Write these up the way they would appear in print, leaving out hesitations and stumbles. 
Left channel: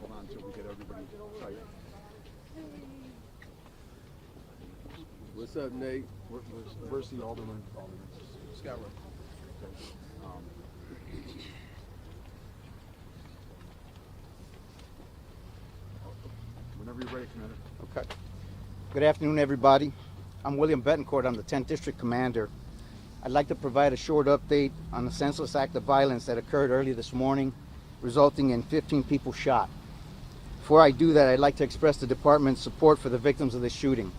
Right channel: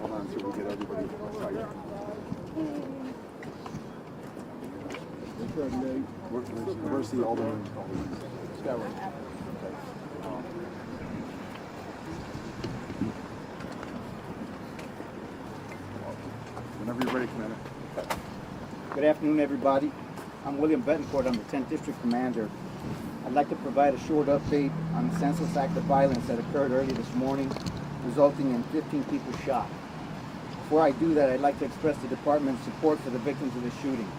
Hold on so we get everybody excited. Where's Nate? Where's the Alderman? Scott. Whenever you're ready, Commander. Good afternoon, everybody. I'm William Betancourt. I'm the 10th District Commander. I'd like to provide a short update on a senseless act of violence that occurred early this morning, resulting in 15 people shot. Before I do that, I'd like to express the Department's support for the victims of the shooting.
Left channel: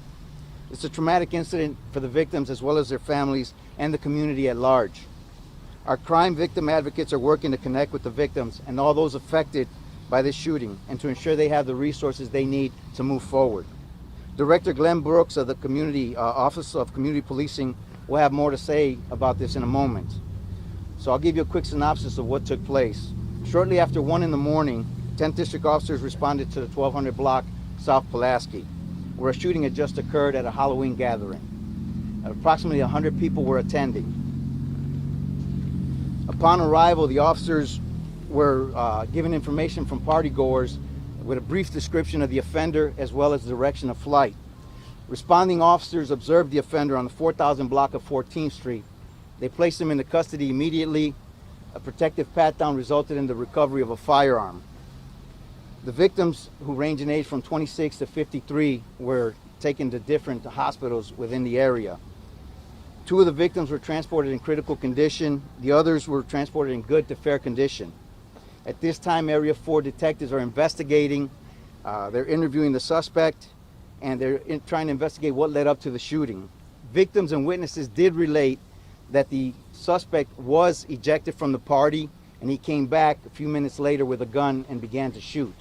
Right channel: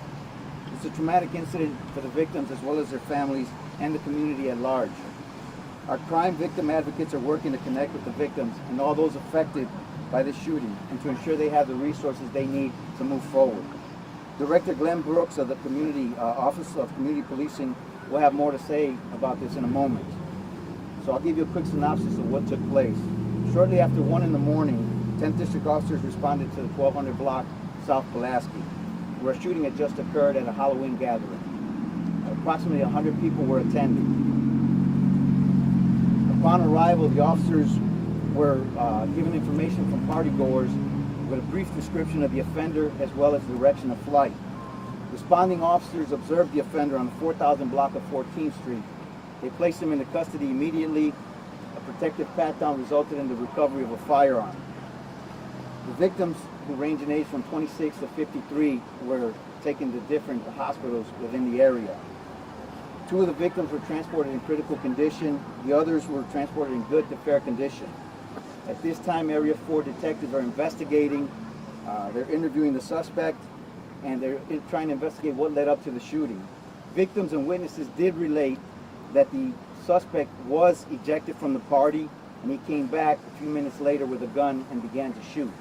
It's a traumatic incident for the victims as well as their families and the community at large. Our crime victim advocates are working to connect with the victims and all those affected by this shooting and to ensure they have the resources they need to move forward. Director Glenn Brooks of the Office of Community Policing will have more to say about this in a moment. So I'll give you a quick synopsis of what took place. Shortly after 1 in the morning, 10th District officers responded to the 1200 block South Pulaski, where a shooting had just occurred at a Halloween gathering. Approximately 100 people were attending. Upon arrival, the officers were given information from partygoers with a brief description of the offender as well as direction of flight. Responding officers observed the offender on the 4000 block of 14th Street. They placed him into custody immediately. A protective pat-down resulted in the recovery of a firearm. The victims, who range in age from 26 to 53, were taken to different hospitals within the area. 2 of the victims were transported in critical condition. The others were transported in good to fair condition. At this time, Area 4 detectives are investigating. They're interviewing the suspect, and they're trying to investigate what led up to the shooting. Victims and witnesses did relate that the suspect was ejected from the party, and he came back a few minutes later with a gun and began to shoot.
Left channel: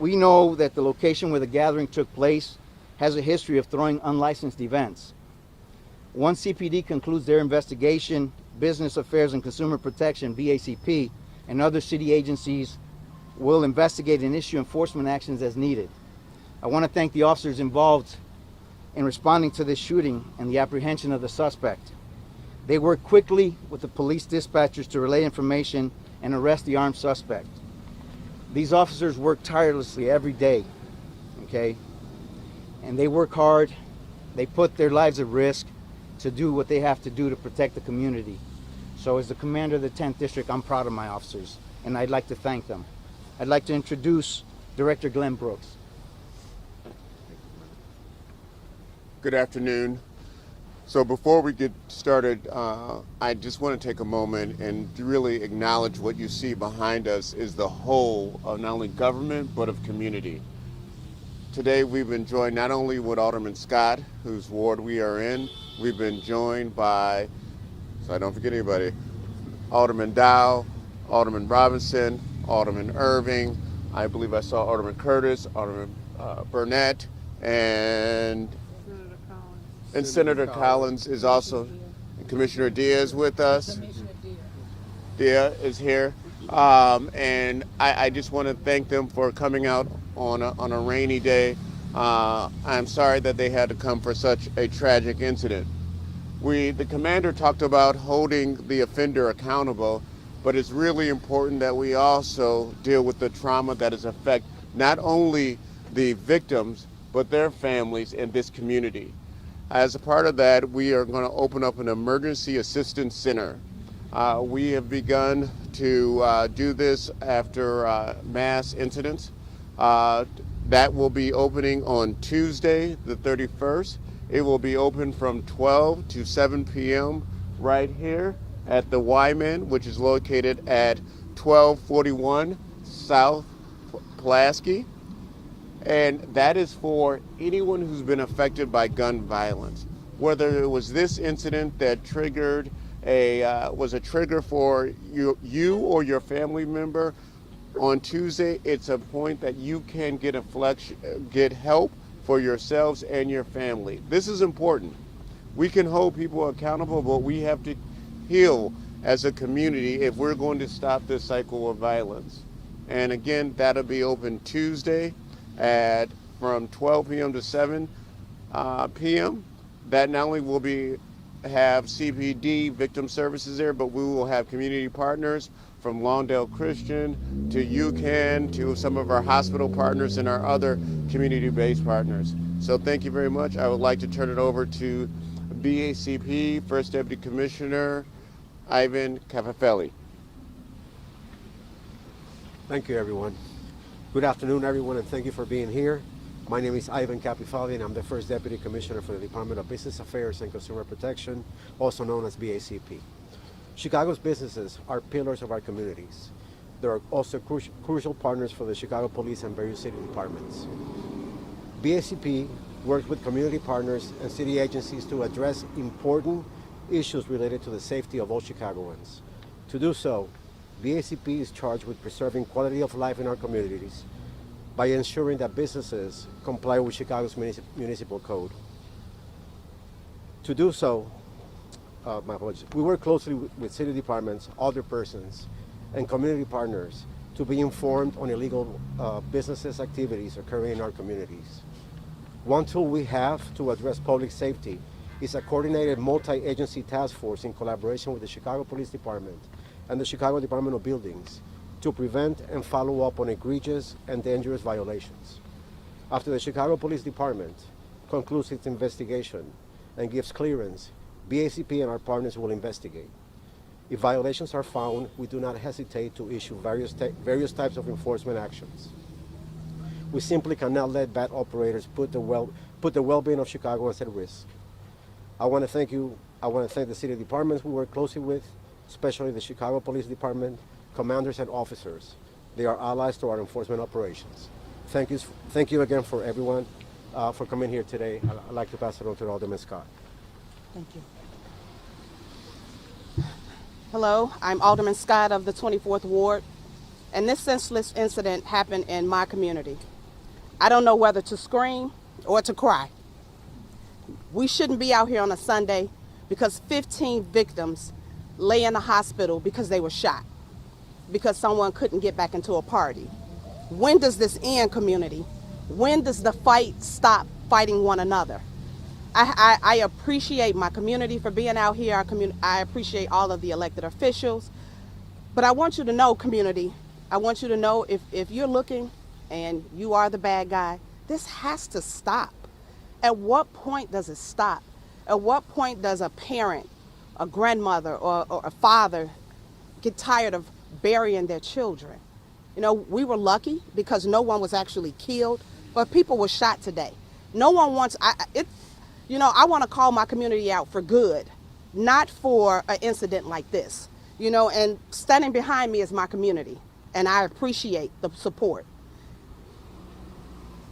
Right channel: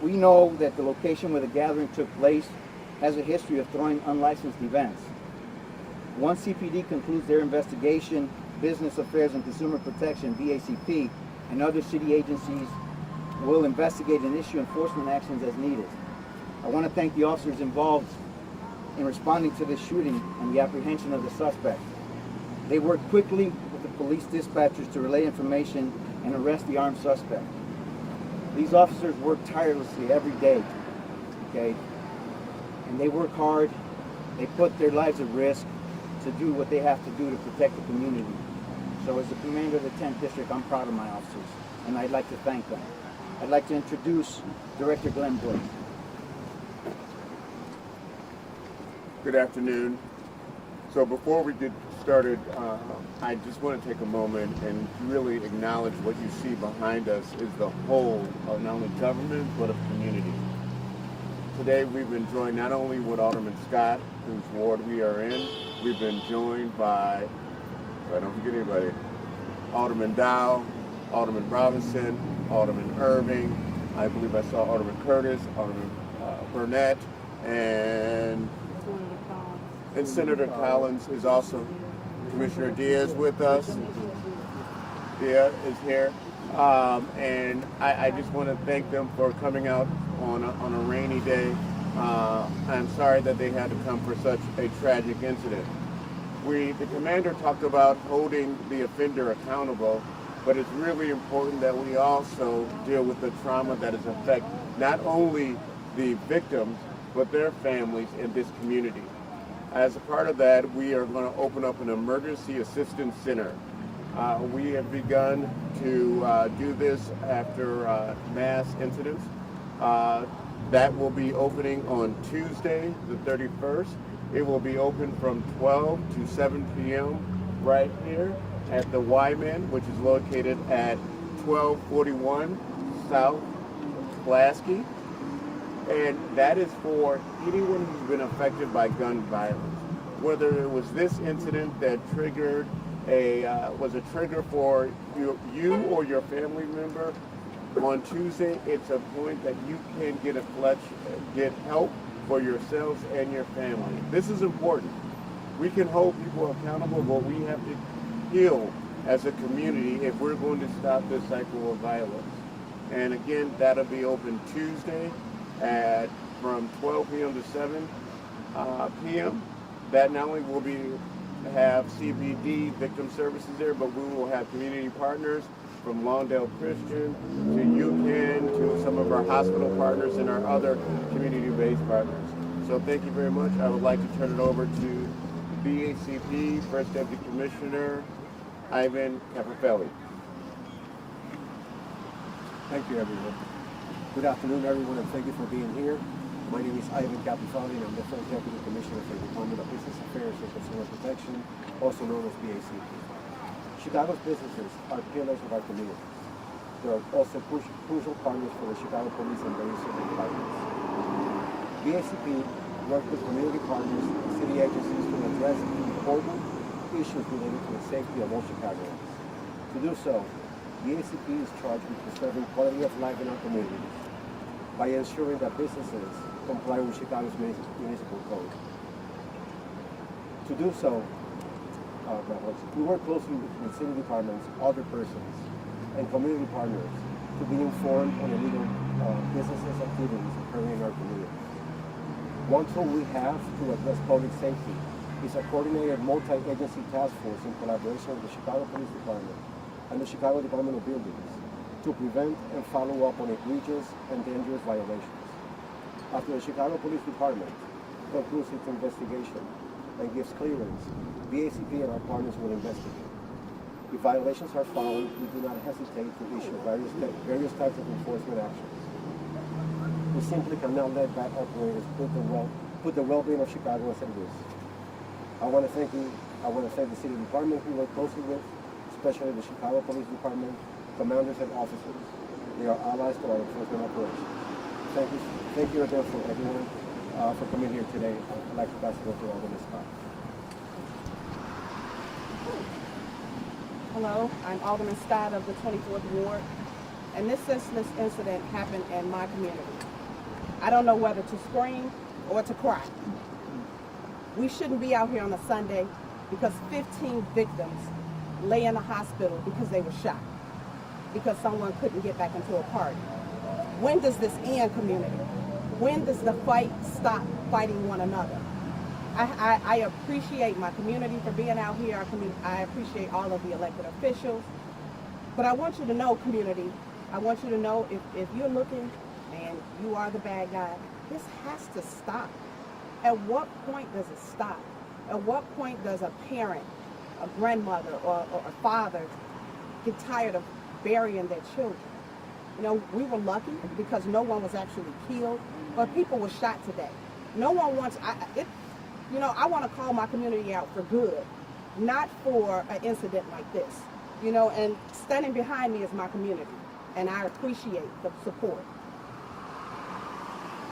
We know that the location where the gathering took place has a history of throwing unlicensed events. Once CPD concludes their investigation, Business Affairs and Consumer Protection, BACP, and other city agencies will investigate and issue enforcement actions as needed. I want to thank the officers involved in responding to this shooting and the apprehension of the suspect. They worked quickly with the police dispatchers to relay information and arrest the armed suspect. These officers work tirelessly every day, okay? And they work hard. They put their lives at risk to do what they have to do to protect the community. So as the commander of the 10th District, I'm proud of my officers, and I'd like to thank them. I'd like to introduce Director Glenn Brooks. Good afternoon. So before we get started, I just want to take a moment and really acknowledge what you see behind us is the whole of not only government, but of community. Today we've been joined not only with Alderman Scott, whose ward we are in, we've been joined by, so I don't forget anybody, Alderman Dow, Alderman Robinson, Alderman Irving, I believe I saw Alderman Curtis, Alderman Burnett, and Senator Collins is also, Commissioner Diaz with us. Diaz is here. And I just want to thank them for coming out on a rainy day. I'm sorry that they had to come for such a tragic incident. The commander talked about holding the offender accountable, but it's really important that we also deal with the trauma that has affected not only the victims, but their families in this community. As a part of that, we are going to open up an emergency assistance center. We have begun to do this after mass incidents. That will be opening on Tuesday, the 31st. It will be open from 12 to 7 p.m. right here at the Wyman, which is located at 1241 South Pulaski. And that is for anyone who's been affected by gun violence. Whether it was this incident that triggered was a trigger for you or your family member, on Tuesday, it's a point that you can get help for yourselves and your family. This is important. We can hold people accountable, but we have to heal as a community if we're going to stop this cycle of violence. And again, that'll be open Tuesday from 12 p.m. to 7 p.m. That not only will be have CPD victim services there, but we will have community partners from Lawndale Christian to UCAN to some of our hospital partners and our other community-based partners. So thank you very much. I would like to turn it over to BACP First Deputy Commissioner Ivan Capafelli. Thank you, everyone. Good afternoon, everyone, and thank you for being here. My name is Ivan Capafelli, and I'm the First Deputy Commissioner for the Department of Business Affairs and Consumer Protection, also known as BACP. Chicago's businesses are pillars of our communities. They're also crucial partners for the Chicago Police and various city departments. BACP works with community partners and city agencies to address important issues related to the safety of all Chicagoans. To do so, BACP is charged with preserving quality of life in our communities by ensuring that businesses comply with Chicago's municipal code. To do so, we work closely with city departments, other persons, and community partners to be informed on illegal businesses activities occurring in our communities. One tool we have to address public safety is a coordinated multi-agency task force in collaboration with the Chicago Police Department and the Chicago Department of Buildings to prevent and follow up on egregious and dangerous violations. After the Chicago Police Department concludes its investigation and gives clearance, BACP and our partners will investigate. If violations are found, we do not hesitate to issue various types of enforcement actions. We simply cannot let bad operators put the well-being of Chicagoans at risk. I want to thank the city departments we work closely with, especially the Chicago Police Department, commanders and officers. They are allies to our enforcement operations. Thank you again for everyone for coming here today. I'd like to pass it over to Alderman Scott. Hello, I'm Alderman Scott of the 24th Ward, and this senseless incident happened in my community. I don't know whether to scream or to cry. We shouldn't be out here on a Sunday because 15 victims lay in the hospital because they were shot, because someone couldn't get back into a party. When does this end, community? When does the fight stop fighting one another? I appreciate my community for being out here. I appreciate all of the elected officials. But I want you to know, community, I want you to know if you're looking and you are the bad guy, this has to stop. At what point does it stop? At what point does a parent, a grandmother, or a father get tired of burying their children? You know, we were lucky because no one was actually killed, but people were shot today. No one wants, I want to call my community out for good, not for an incident like this. And standing behind me is my community, and I appreciate the support.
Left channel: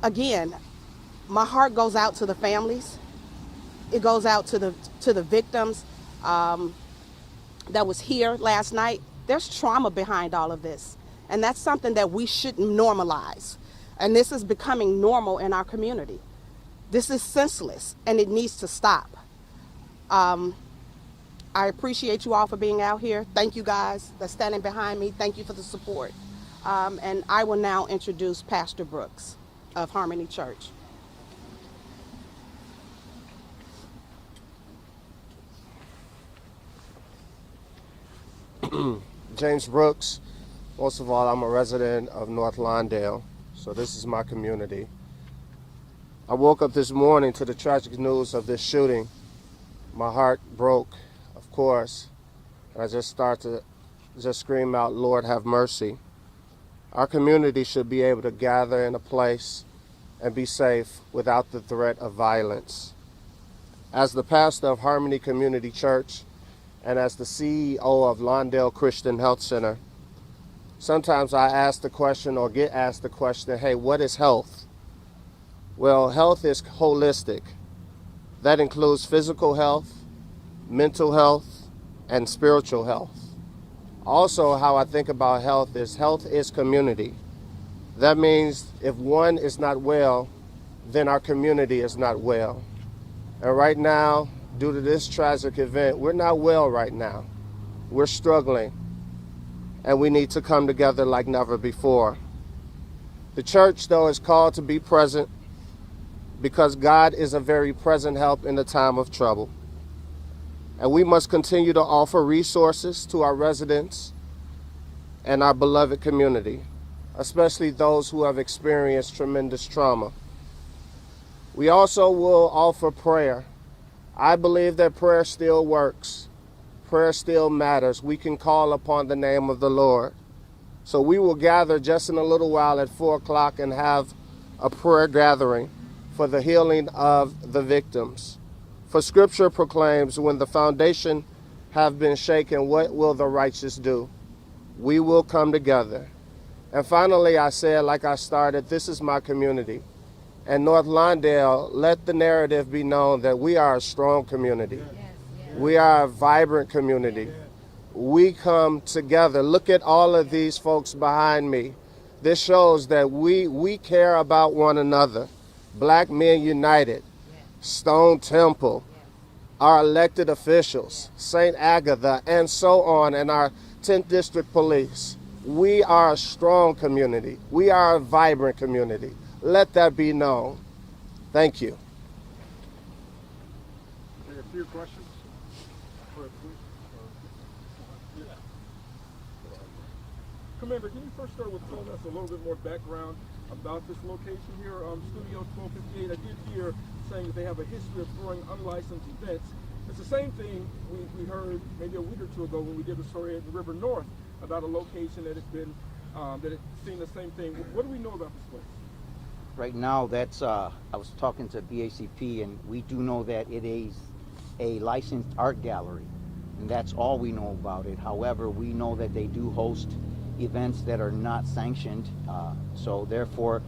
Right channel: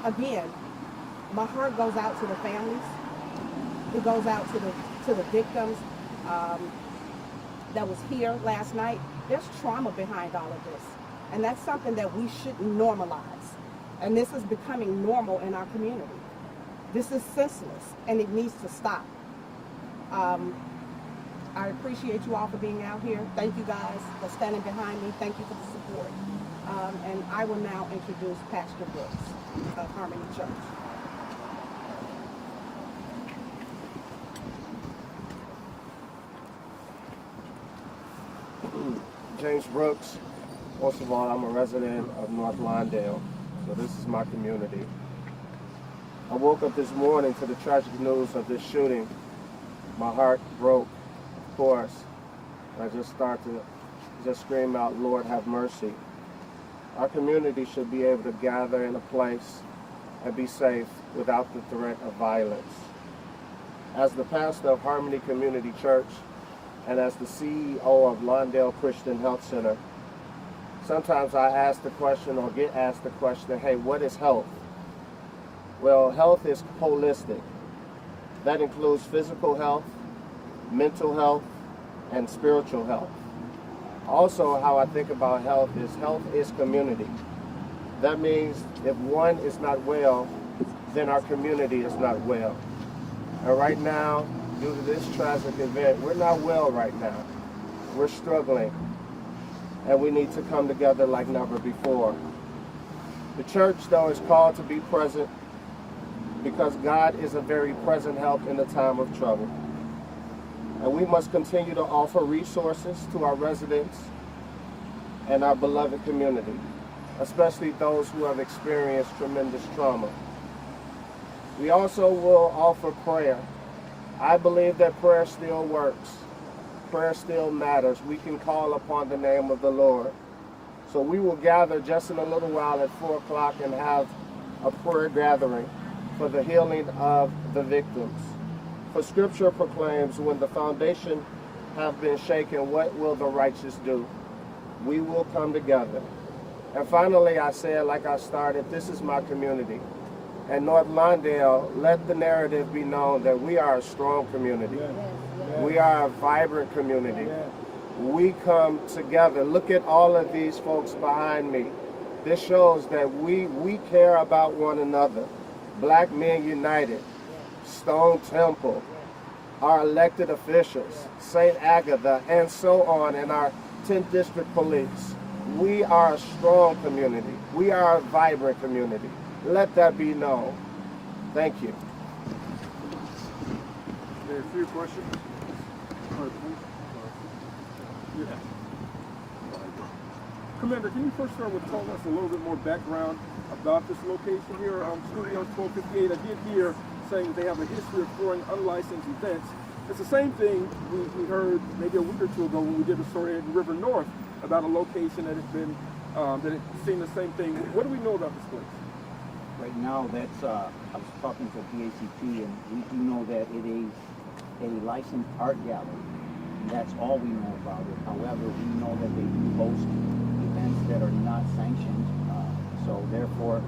Again, my heart goes out to the families. It goes out to the victims that was here last night. There's trauma behind all of this, and that's something that we shouldn't normalize. And this is becoming normal in our community. This is senseless, and it needs to stop. I appreciate you all for being out here. Thank you guys for standing behind me. Thank you for the support. And I will now introduce Pastor Brooks of Harmony Church. James Brooks. Most of all, I'm a resident of North Lawndale, so this is my community. I woke up this morning to the tragic news of this shooting. My heart broke, of course. I just started to scream out, Lord, have mercy. Our community should be able to gather in a place and be safe without the threat of violence. As the pastor of Harmony Community Church and as the CEO of Lawndale Christian Health Center, sometimes I ask the question or get asked the question, hey, what is health? Well, health is holistic. That includes physical health, mental health, and spiritual health. Also, how I think about health is community. That means if one is not well, then our community is not well. And right now, due to this tragic event, we're not well right now. We're struggling, and we need to come together like never before. The church, though, is called to be present because God is a very present help in the time of trouble. And we must continue to offer resources to our residents and our beloved community, especially those who have experienced tremendous trauma. We also will offer prayer. I believe that prayer still works. Prayer still matters. We can call upon the name of the Lord. So we will gather just in a little while at 4 o'clock and have a prayer gathering for the healing of the victims. For scripture proclaims, when the foundation have been shaken, what will the righteous do? We will come together. And finally, I said, like I started, this is my community. And North Lawndale, let the narrative be known that we are a strong community. We are a vibrant community. We come together. Look at all of these folks behind me. This shows that we care about one another. Black Men United, Stone Temple, our elected officials, St. Agatha, and so on, and our 10th District Police. We are a strong community. We are a vibrant community. Let that be known. Thank you. There are a few questions. Commander, can you first start with telling us a little bit more background about this location here on Studios 1258? I did hear saying that they have a history of throwing unlicensed events. It's the same thing we heard maybe a week or two ago when we did a story at River North about a location that had been that had seen the same thing. What do we know about this place? Right now, that's I was talking to BACP, and we do know that it is a licensed art gallery, and that's all we know about it. However, we know that they do host events that are not sanctioned, so therefore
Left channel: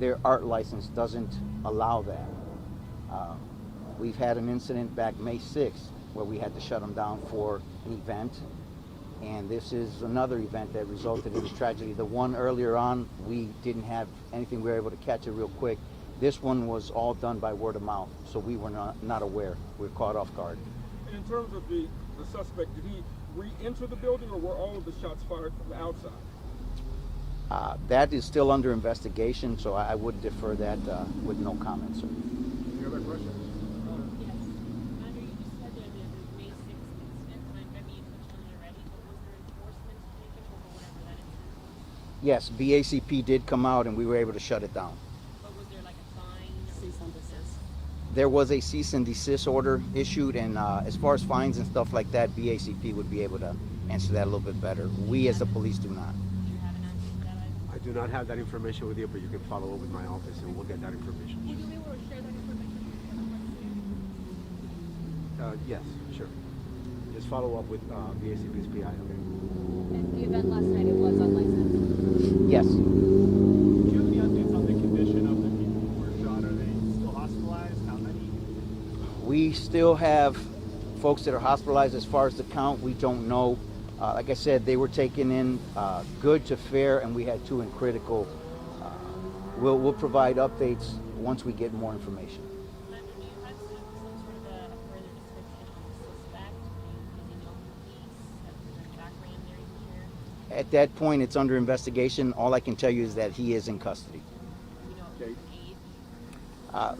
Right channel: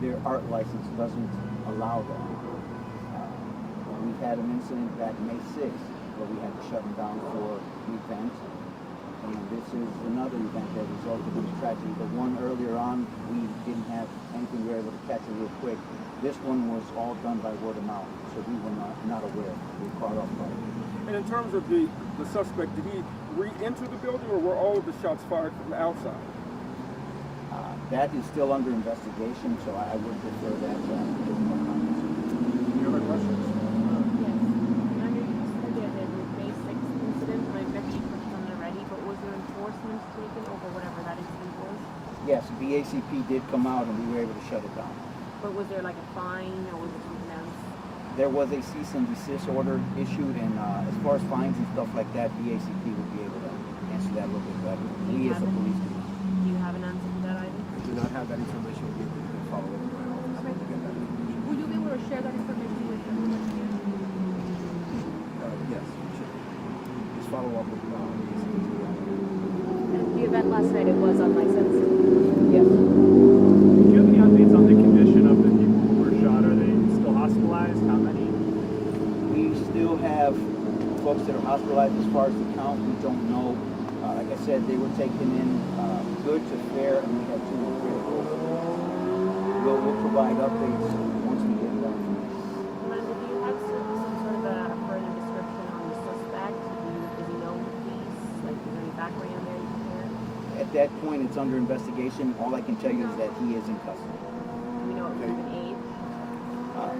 their art license doesn't allow that. We had an incident back May 6th where we had to shut them down for an event, and this is another event that resulted in this tragedy. The one earlier on, we didn't have anything, we were able to catch it real quick. This one was all done by word of mouth, so we were not aware. We were caught off guard. And in terms of the suspect, did he re-enter the building, or were all of the shots fired from the outside? That is still under investigation, so I would defer that with no comments. Any other questions? Yes. I know you said there was a May 6th incident, and I bet you touched on it already, but was there enforcement taken over whatever that incident was? Yes, BACP did come out and we were able to shut it down. But was there like a fine, or was there anything else? There was a cease and desist order issued, and as far as fines and stuff like that, BACP would be able to answer that a little bit better. We as the police do not. Do you have an answer to that, Ivan? I do not have that information with you, but you can follow up with my office and we'll get that information. Will you be able to share that information with me? Yes, sure. Just follow up with the ACP's The event last night, it was unlicensed. Yes. Do you have any updates on the condition of the people who were shot? Are they still hospitalized? How many? We still have folks that are hospitalized. As far as the count, we don't know. Like I said, they were taken in good to fair, and we had 2 in critical. We'll provide updates once we get more information. Amanda, do you have some sort of a further description on the suspect? Does he know the police? Like, is there any background there you can share? At that point, it's under investigation. All I can tell you is that he is in custody. Do you know if there's an age?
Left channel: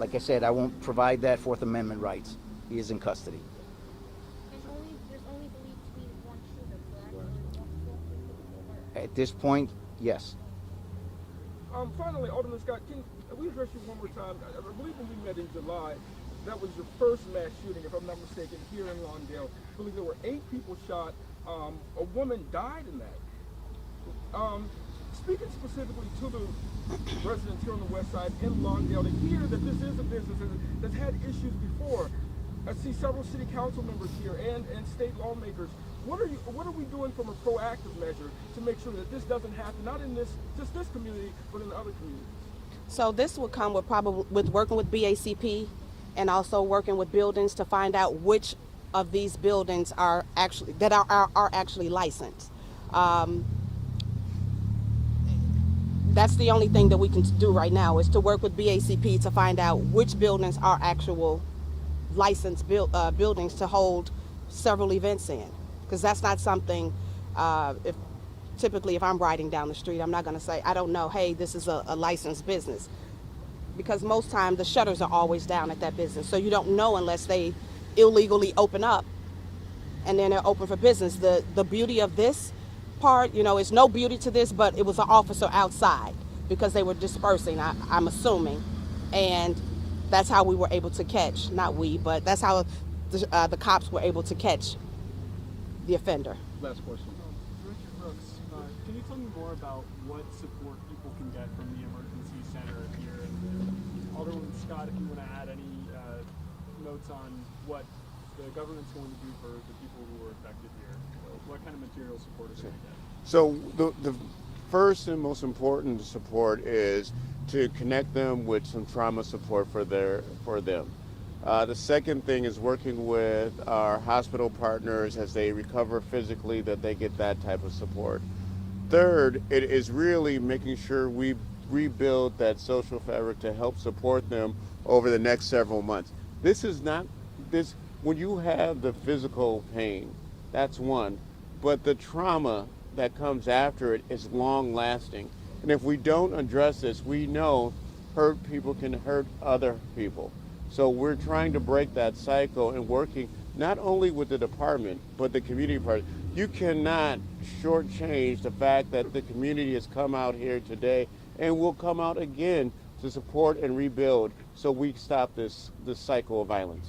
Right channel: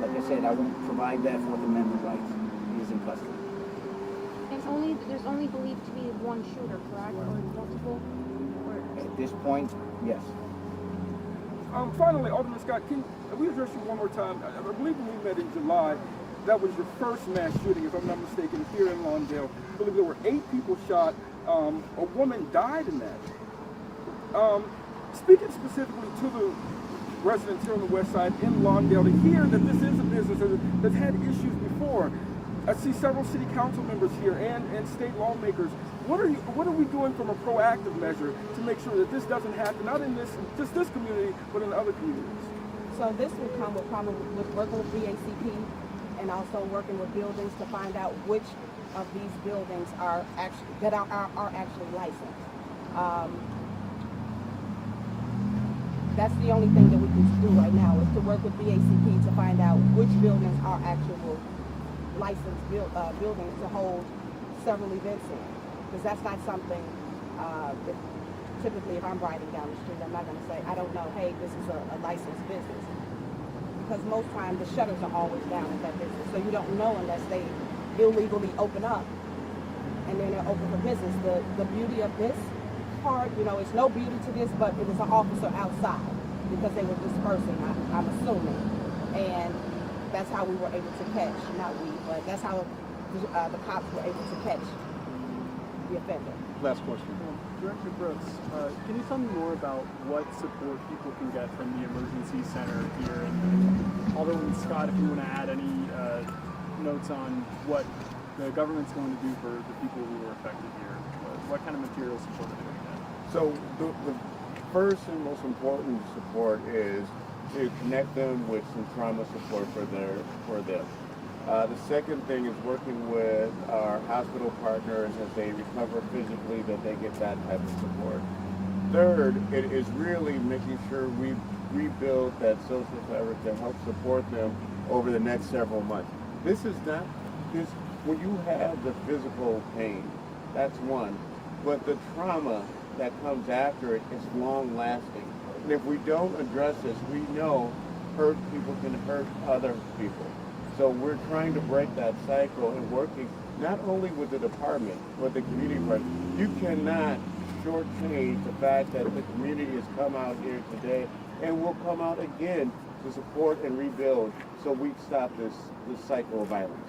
Like I said, I won't provide that Fourth Amendment rights. He is in custody. And there's only believed to be one shooter, correct? Or multiple? Or At this point, yes. Finally, Alderman Scott, can we address you one more time? I believe when we met in July, that was your first mass shooting, if I'm not mistaken, here in Lawndale. I believe there were 8 people shot. A woman died in that. Speaking specifically to the residents here on the west side in Lawndale, to hear that this is a business that's had issues before. I see several city council members here and state lawmakers. What are we doing from a proactive measure to make sure that this doesn't happen, not in just this community, but in other communities? So this will come with probably with working with BACP and also working with buildings to find out which of these buildings are actually licensed. That's the only thing that we can do right now, is to work with BACP to find out which buildings are actual licensed buildings to hold several events in. Because that's not something, typically if I'm riding down the street, I'm not going to say, I don't know, hey, this is a licensed business. Because most times the shutters are always down at that business. So you don't know unless they illegally open up and then they're open for business. The beauty of this part, you know, it's no beauty to this, but it was an officer outside because they were dispersing, I'm assuming, and that's how we were able to catch, not we, but that's how the cops were able to catch the offender. Last question. Director Brooks, can you tell me more about what support people can get from the emergency center here? And Alderman Scott, if you want to add any notes on what the government's going to do for the people who were affected here, what kind of material support is going to get? So the first and most important support is to connect them with some trauma support for them. The second thing is working with our hospital partners as they recover physically, that they get that type of support. Third, it is really making sure we rebuild that social fabric to help support them over the next several months. This is not this when you have the physical pain, that's one, but the trauma that comes after it is long lasting. And if we don't address this, we know hurt people can hurt other people. So we're trying to break that cycle and working not only with the department, but the community part. You cannot shortchange the fact that the community has come out here today and will come out again to support and rebuild so we stop this cycle of violence.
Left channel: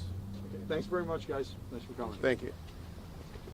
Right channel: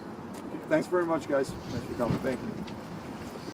Thanks very much, guys. Thanks for coming. Thank you.